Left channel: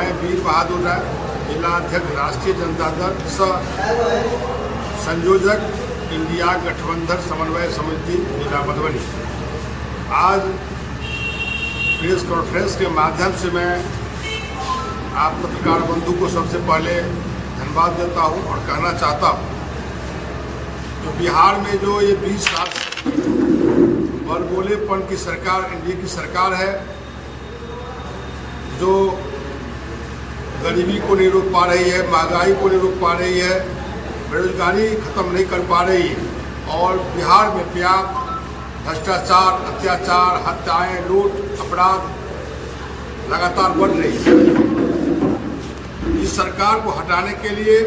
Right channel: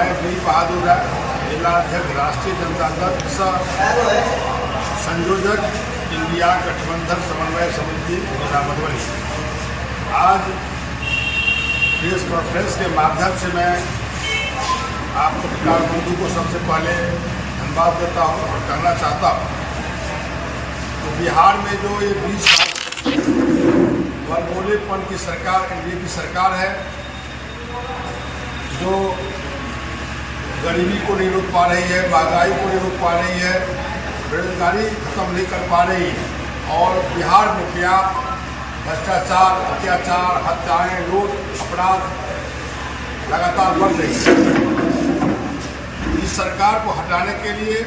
मैं वीर बहादुर राय, जिलाध्यक्ष राष्ट्रीय जनता दल सह संयोजक इंडिया गठबंधन समन्वय समिति जिला मधुबनी। आज प्रेस कॉन्फ्रेंस के माध्यम से मैं आप पत्रकार बंधु को सबसे पहले धन्यवाद देता हूं और कहना चाहता हूं तो बिहार में जो ये 20 साल बड़बोलेपन की सरकार, एनडीए की सरकार है, जो गरीबी को नहीं रोक पा रही है, महंगाई को नहीं रोक पा रही है, बेरोजगारी खत्म नहीं कर पा रही है और बिहार में व्याप्त भ्रष्टाचार, अत्याचार, हत्याएं, लूट, अपराध लगातार बढ़ रही है। इस सरकार को हटाने के लिए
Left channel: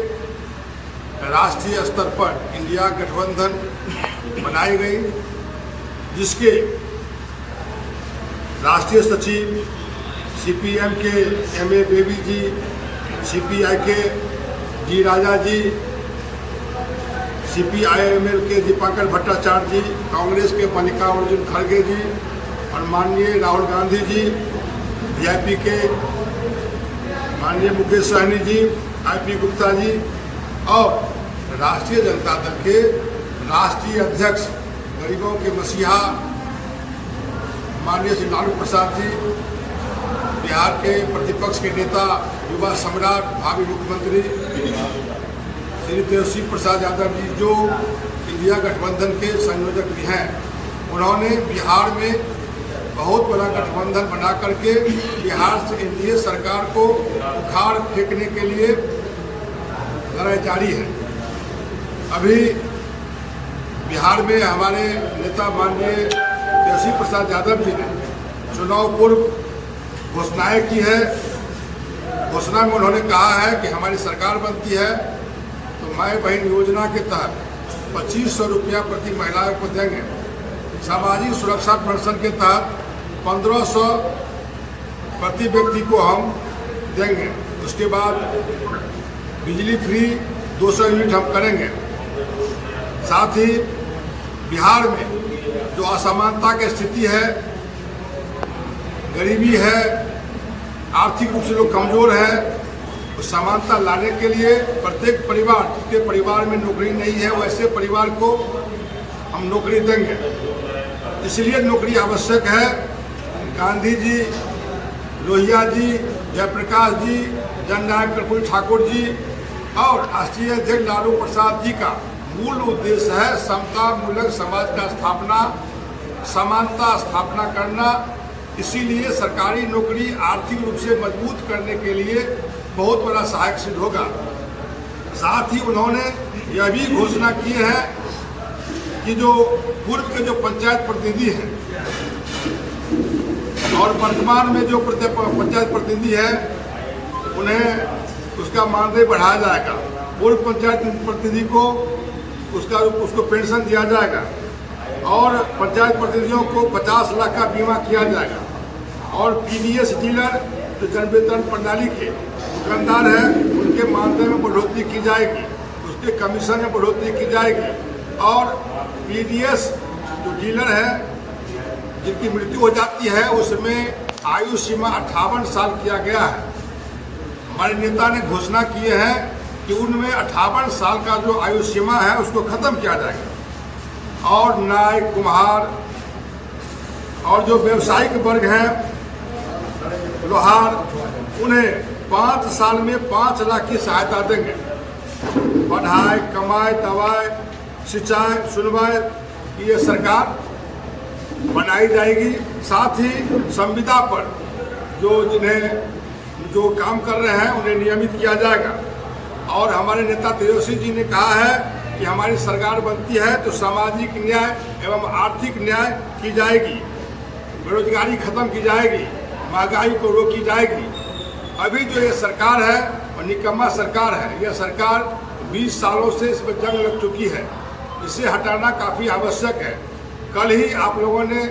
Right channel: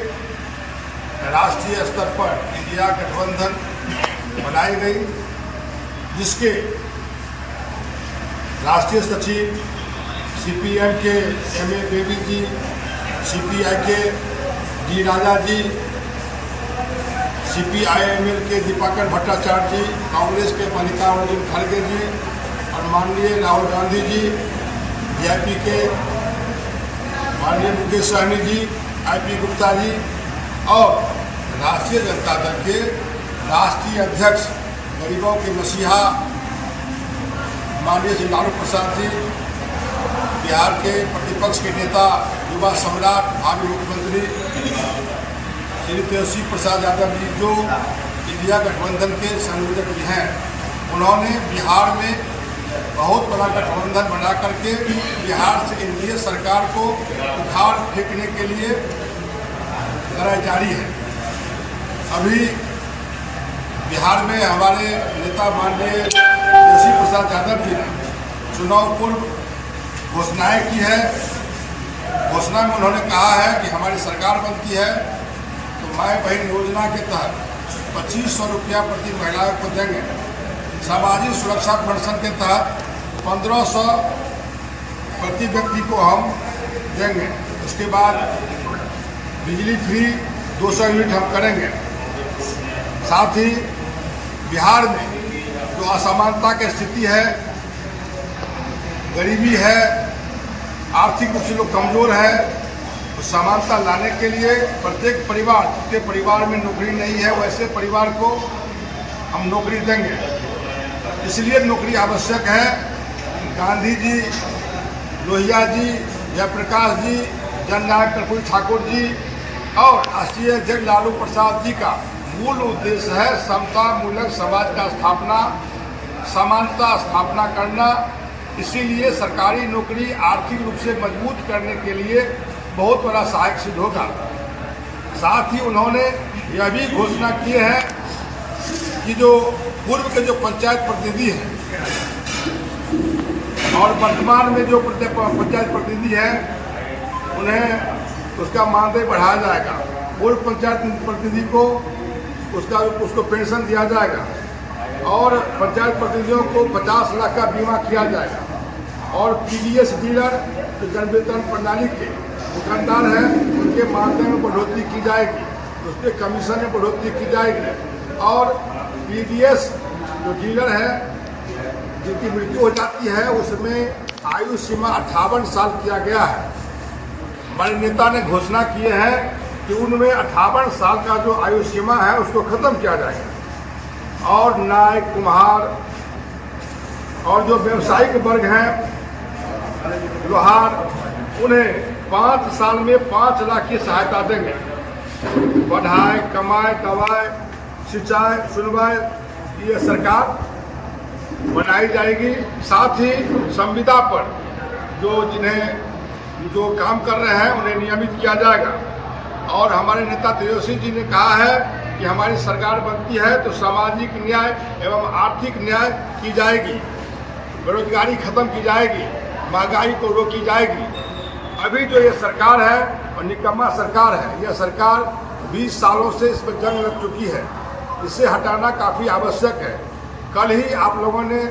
राष्ट्रीय स्तर पर इंडिया गठबंधन बनाई गई, जिसके राष्ट्रीय सचिव सीपीएम के एम.ए. बेबी जी, सीपीआई के डी राजा जी, सीपीआईएमएल के दीपाकर भट्टाचार्य जी, कांग्रेस के मल्लिकार्जुन खड़गे जी और माननीय राहुल गांधी जी, वीआईपी के माननीय मुकेश सहनी जी, आईपी गुप्ता जी और राष्ट्रीय जनता दल के राष्ट्रीय अध्यक्ष, गरीबों के मसीहा माननीय श्री लालू प्रसाद जी, बिहार के प्रतिपक्ष के नेता, युवा सम्राट, भावी मुख्यमंत्री श्री तेजस्वी प्रसाद यादव जी, जो इंडिया गठबंधन के संयोजक भी हैं, उन्होंने बिहार में बहुत बड़ा गठबंधन बना करके बिहार से एनडीए सरकार को उखाड़ फेंकने के लिए लड़ाई जारी है। अभी बिहार में हमारे नेता माननीय तेजस्वी प्रसाद यादव जी ने चुनाव पूर्व घोषणाएं की है। घोषणा में उन्होंने कहा है कि हमारी सरकार बनती है तो माई बहन योजना के तहत 2500 रुपया प्रति महिलाओं को देंगे, सामाजिक सुरक्षा पेंशन के तहत 1500 प्रति व्यक्ति को हम देंगे, उसके बाद बिजली फ्री 200 यूनिट हम करेंगे। साथ ही बिहार में जो असमानता की स्थिति है, गरीबी है, आर्थिक रूप से लोग कमजोर है, उस समानता लाने के लिए प्रत्येक परिवार, जिसके परिवार में नौकरी नहीं है वैसे परिवार को हम नौकरी देंगे। इसलिए नौकरी आवश्यक है। गांधी जी, लोहिया जी, जयप्रकाश जी, जननायक कर्पूरी ठाकुर जी और राष्ट्रीय अध्यक्ष लालू प्रसाद जी का मूल उद्देश्य है समता मूलक समाज का स्थापना, समानता स्थापना करना। इसीलिए सरकारी नौकरी आर्थिक रूप से मजबूत करने के लिए बहुत बड़ा सहायक सिद्ध होगा। साथ ही उन्होंने यह भी घोषणा की है कि जो पूर्व के जो पंचायत प्रतिनिधि हैं और वर्तमान में जो पंचायत प्रतिनिधि हैं, उन्हें उसका मानदेय बढ़ाया जाएगा। पूर्व पंचायत प्रतिनिधि को उसको पेंशन दिया जाएगा और पंचायत प्रतिनिधियों को 50 लाख का बीमा किया जाएगा और पीडीएस डीलर जो जनवेतन प्रणाली के दुकानदार हैं, उनके मानदेय में बढ़ोतरी की जाएगी, उसके कमीशन में बढ़ोतरी की जाएगी और पीडीएस जो डीलर है जिनकी मृत्यु हो जाती है उसमें आयु सीमा 58 साल किया गया है। हमारे नेता ने घोषणा किए हैं कि उनमें 58 साल का जो आयु सीमा है उसको खत्म किया जाएगा और नाई, कुम्हार और जो व्यावसायिक वर्ग हैं, लोहार, उन्हें 5 साल में 5 लाख की सहायता देंगे। पढ़ाई, कमाई, दवाई, सिंचाई, सुनवाई ये सरकार बनाई जाएगी। साथ ही संविदा पर जो काम कर रहे हैं उन्हें नियमित किया जाएगा और हमारे नेता तेजस्वी जी ने कहा है कि हमारी सरकार बनती है तो सामाजिक न्याय एवं आर्थिक न्याय की जाएगी, बेरोजगारी खत्म की जाएगी, महंगाई को रोकी जाएगी। अभी जो ये सरकार है और निकम्मा सरकार है, यह सरकार 20 सालों से इस पर जंग लग चुकी है, इसे हटाना काफ़ी आवश्यक है। कल ही आप लोगों ने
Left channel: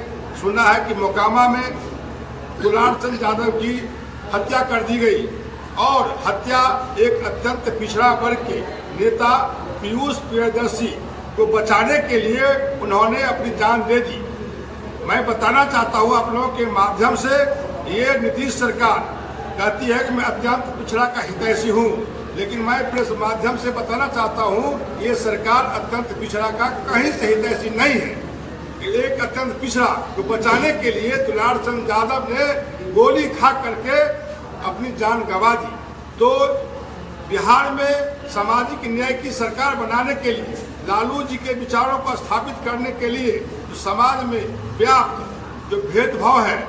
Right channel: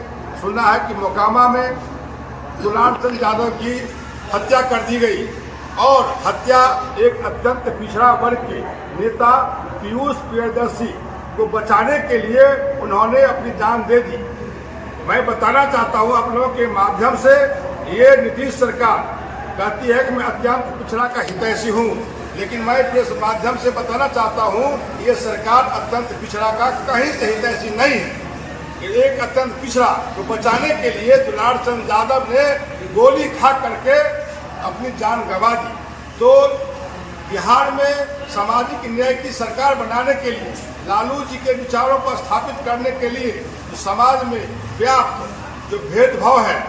सुना है कि मोकामा में दुलार चंद यादव की हत्या कर दी गई और हत्या एक अत्यंत पिछड़ा वर्ग के नेता पीयूष प्रियदर्शी को बचाने के लिए उन्होंने अपनी जान दे दी। मैं बताना चाहता हूं आप लोगों के माध्यम से, ये नीतीश सरकार कहती है कि मैं अत्यंत पिछड़ा का हितैषी हूँ, लेकिन मैं प्रेस माध्यम से बताना चाहता हूँ ये सरकार अत्यंत पिछड़ा का कहीं से हितैषी नहीं है। एक अत्यंत पिछड़ा को बचाने के लिए दुलार चंद यादव ने गोली खा करके अपनी जान गंवा दी। तो बिहार में सामाजिक न्याय की सरकार बनाने के लिए, लालू जी के विचारों को स्थापित करने के लिए जो समाज में व्याप्त जो भेदभाव है,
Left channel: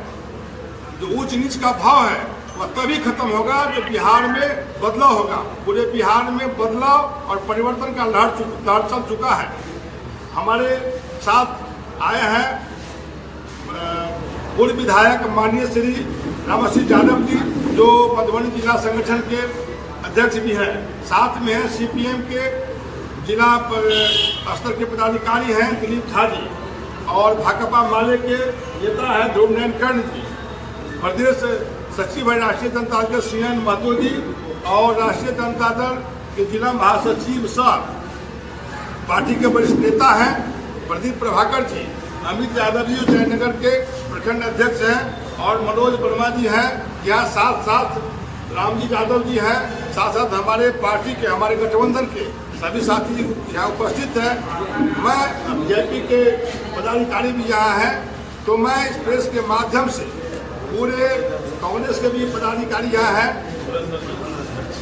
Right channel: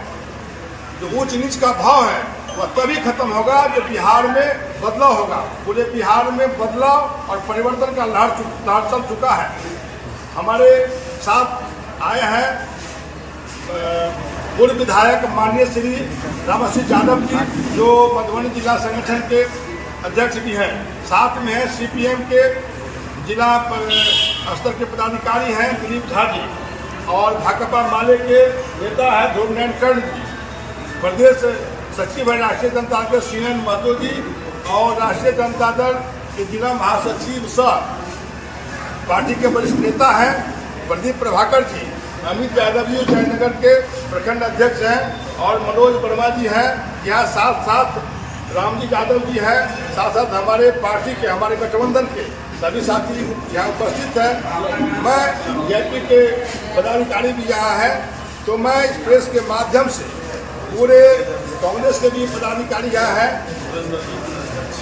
जो ऊंच नीच का भाव है, वह तभी खत्म होगा जब बिहार में बदलाव होगा। पूरे बिहार में बदलाव और परिवर्तन का लहर चल चुका है। हमारे साथ आए हैं पूर्व विधायक माननीय श्री रामसिंह यादव जी, जो मधुबनी जिला संगठन के अध्यक्ष भी हैं। साथ में है सीपीएम के जिला स्तर के पदाधिकारी हैं दिलीप झा जी, और भाकपा माले के नेता है ध्रुव नयन कर्ण जी, प्रदेश सचिव है राष्ट्रीय जनता दल के सीएन महतो जी, और राष्ट्रीय जनता दल के जिला महासचिव सह पार्टी के वरिष्ठ नेता हैं प्रदीप प्रभाकर जी, अमित यादव जी जयनगर के प्रखंड अध्यक्ष हैं, और मनोज वर्मा जी हैं। यहाँ साथ साथ रामजी यादव जी हैं, साथ साथ हमारे पार्टी के, हमारे गठबंधन के सभी साथी यहाँ उपस्थित हैं। मैं जेपी के पदाधिकारी भी यहाँ हैं। तो मैं इस प्रेस के माध्यम से पूरे कांग्रेस के भी पदाधिकारी यहाँ हैं,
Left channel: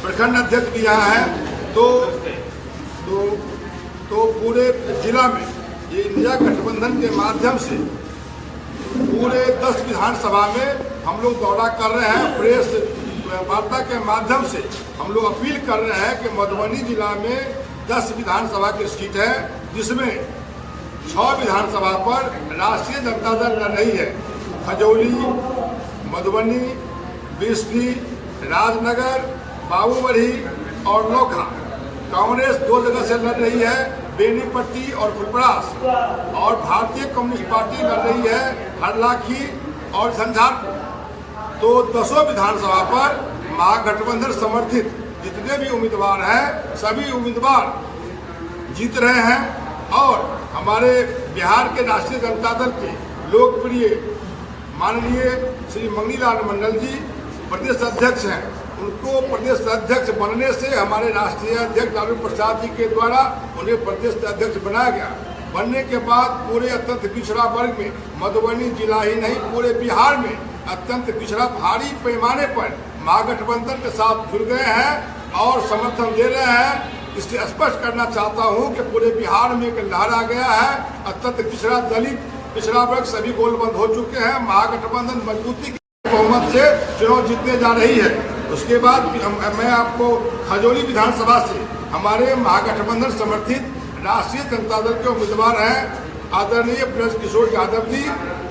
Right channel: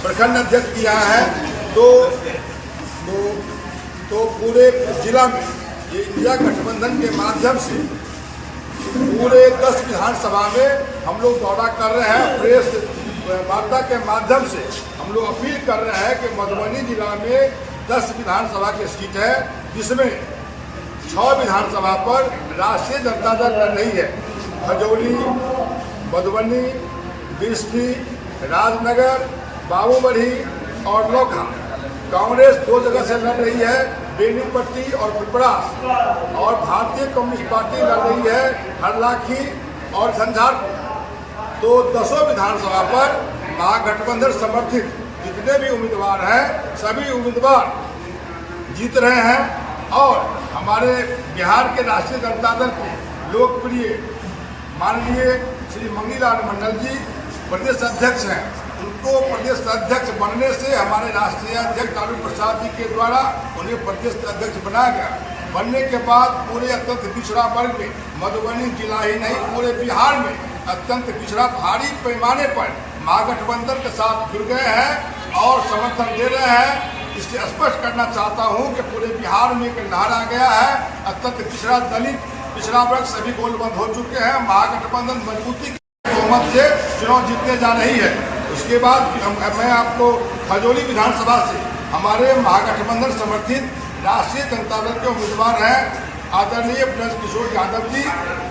प्रखंड अध्यक्ष भी यहाँ हैं। तो पूरे जिला में ये इंडिया गठबंधन के माध्यम से पूरे 10 विधानसभा में हम लोग दौरा कर रहे हैं। प्रेस वार्ता के माध्यम से हम लोग अपील कर रहे हैं कि मधुबनी जिला में 10 विधानसभा की सीट है, जिसमें 6 विधानसभा पर राष्ट्रीय जनता दल लड़ रही है। खजौली, मधुबनी, बिस्फी, राजनगर, बाबूबढ़ी और नोखा कांग्रेस 2 जगह से लड़ रही है, बेनीपट्टी और फुलपरास, और भारतीय कम्युनिस्ट पार्टी लड़ रही है हरलाखी और झंझारपुर। तो 10 विधानसभा पर महागठबंधन समर्थित जितने भी उम्मीदवार हैं, सभी उम्मीदवार जीत रहे हैं। और हमारे बिहार के राष्ट्रीय जनता दल के लोकप्रिय माननीय श्री मंगनीलाल मंडल जी प्रदेश अध्यक्ष हैं। उनको प्रदेश अध्यक्ष बनने से हमारे राष्ट्रीय अध्यक्ष लालू प्रसाद जी के द्वारा उन्हें प्रदेश अध्यक्ष बनाया गया। बनने के बाद पूरे अत्यंत पिछड़ा वर्ग में, मधुबनी जिला ही नहीं पूरे बिहार में अत्यंत पिछड़ा भारी पैमाने पर महागठबंधन के साथ जुड़ गए हैं और समर्थन दे रहे हैं। इससे स्पष्ट करना चाहता हूं कि पूरे बिहार में एक लहर आ गया है। अत्यंत पिछड़ा दलित, पिछड़ा वर्ग सभी गोलबंद हो चुके हैं। महागठबंधन मजबूती की बहुमत से चुनाव जीतने जा रही है। उसके बाद मैं आपको खजौली विधानसभा से हमारे महागठबंधन समर्थित राष्ट्रीय जनता दल के उम्मीदवार हैं आदरणीय ब्रजकिशोर यादव जी,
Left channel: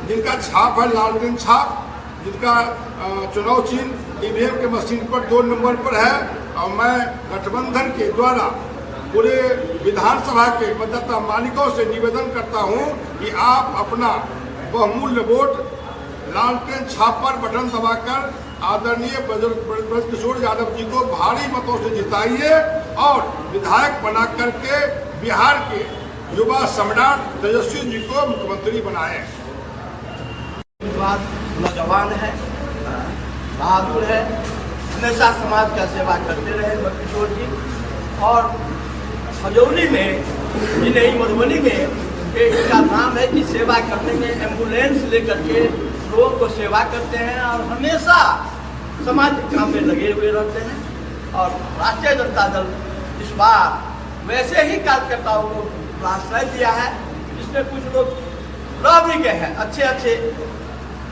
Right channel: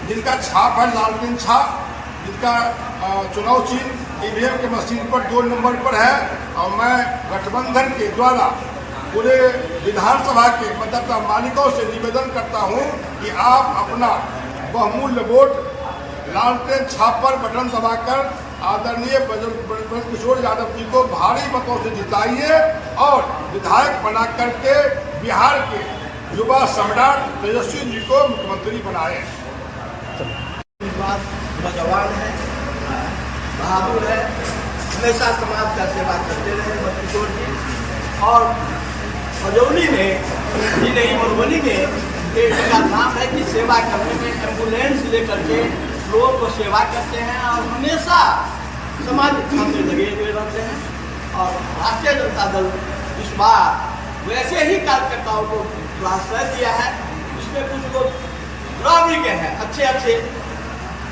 जिनका छाप है लालटेन छाप, जिनका चुनाव चिन्ह ईवीएम के मशीन पर 2 नंबर पर है। और मैं गठबंधन के द्वारा पूरे विधानसभा के मतदाता मालिकों से निवेदन करता हूं कि आप अपना बहुमूल्य वोट लालटेन छाप पर बटन दबाकर आदरणीय ब्रजकिशोर यादव जी को भारी मतों से जिताइए और विधायक बना करके बिहार के युवा सम्राट तेजस्वी जी को मुख्यमंत्री बनाए। नौजवान है, बहादुर है, हमेशा समाज का सेवा करते रहे ब्रजकिशोर जी। और खजौली में ही नहीं, मधुबनी में एक का नाम है कि सेवा करने में एम्बुलेंस लेकर के लोगों को सेवा करते हैं और हमेशा समाज के काम में लगे हुए रहते हैं। और राष्ट्रीय जनता दल इस बार वैसे ही कार्यकर्ताओं को आश्रय दिया है, जिसमें कुछ लोग राबड़ी के हैं, अच्छे अच्छे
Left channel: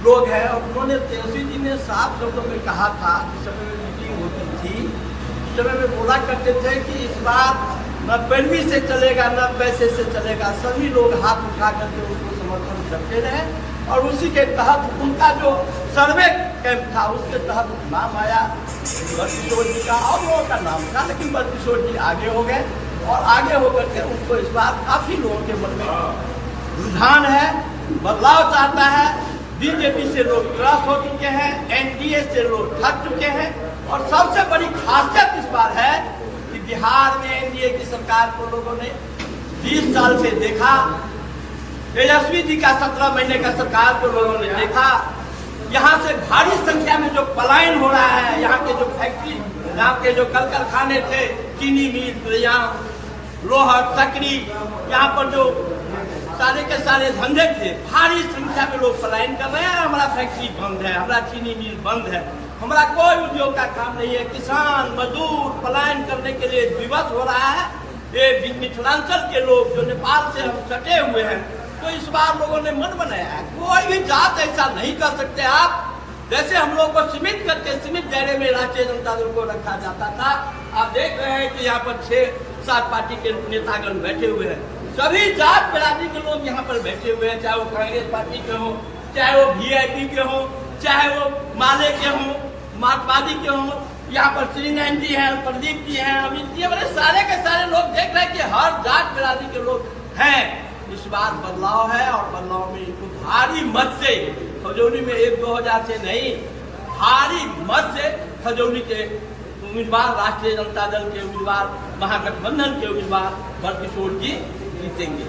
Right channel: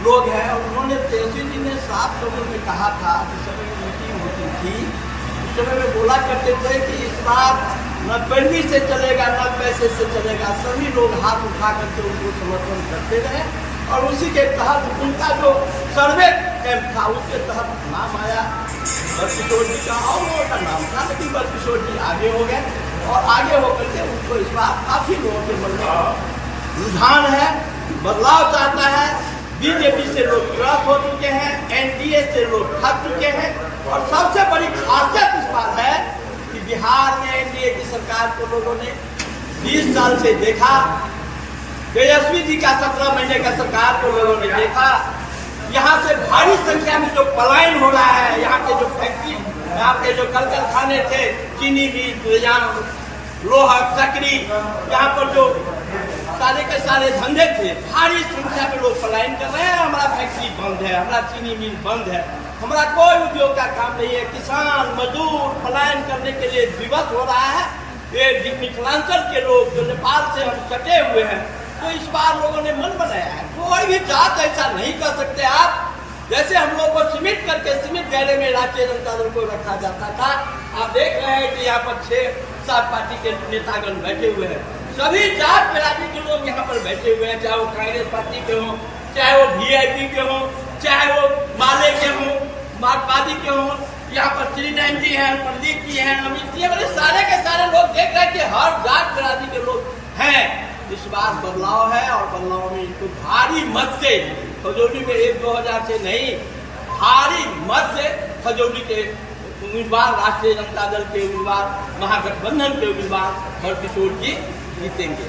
लोग हैं। और उन्होंने तेजस्वी जी ने साफ शब्दों में कहा था, जिस समय मीटिंग होती थी उस समय में बोला करते थे कि इस बार न पैरवी से चलेगा न पैसे से चलेगा, सभी लोग हाथ उठा करके उनको समर्थन करते रहे। और उसी के तहत उनका जो सर्वे कैंप था उसके तहत नाम आया ब्रजकिशोर जी का, और लोगों का नाम था, लेकिन ब्रजकिशोर जी आगे हो गए। और आगे होकर के उनको इस बार काफी लोगों के मन में रुझान है, बदलाव चाहता है। बीजेपी से लोग क्रॉस हो चुके हैं, एनडीए से लोग थक चुके हैं। और सबसे बड़ी खासियत इस बार है कि बिहार में एनडीए की सरकार को लोगों ने 20 साल से देखा, तेजस्वी जी का 17 महीने का सरकार को लोगों ने देखा, यहाँ से भारी संख्या में जो पलायन हो रहा है, यहाँ के जो फैक्ट्री, यहाँ के जो कल कारखाने थे, चीनी मिल, यहाँ लोहा सकरी, यहाँ पर जो सारे के सारे धंधे थे, भारी संख्या में लोग पलायन कर रहे हैं। हमारा फैक्ट्री बंद है, हमारा चीनी मिल बंद है, हमारा कोई उद्योग का काम नहीं है। किसान मजदूर पलायन करने के लिए विवश हो रहा है। ये मिथिलांचल के लोग जो नेपाल से हम सटे हुए हैं, तो इस बार लोगों ने मन बनाया है। कोई भी जात ऐसा नहीं कर सकते आप। जैसे हम लोग को सीमित करके सीमित दायरे में राष्ट्रीय जनता दल को रखा जाता था, आप देख रहे हैं कि यहाँ पर 6-7 पार्टी के नेतागण बैठे हुए हैं। सभी जात बिरादरी के लोग यहाँ पर बैठे हुए हैं, चाहे वो कांग्रेस पार्टी के हों, चाहे वो वीआईपी के हों, चाहे वो माले के हों, मार्क्सवादी के हों। यहाँ पर श्री नयन जी हैं, प्रदीप जी हैं, अमित जी, बड़े सारे के सारे लोग देख रहे हैं कि हर जात बिरादरी के लोग हैं। इस बार बदलाव है और बदलाव में इनको भारी मत से खजौली में 1-2 हजार से नहीं, भारी मत से खजौली के उम्मीदवार, राष्ट्रीय जनता दल के उम्मीदवार, महागठबंधन के उम्मीदवार बड़किशोर जी जीतेंगे।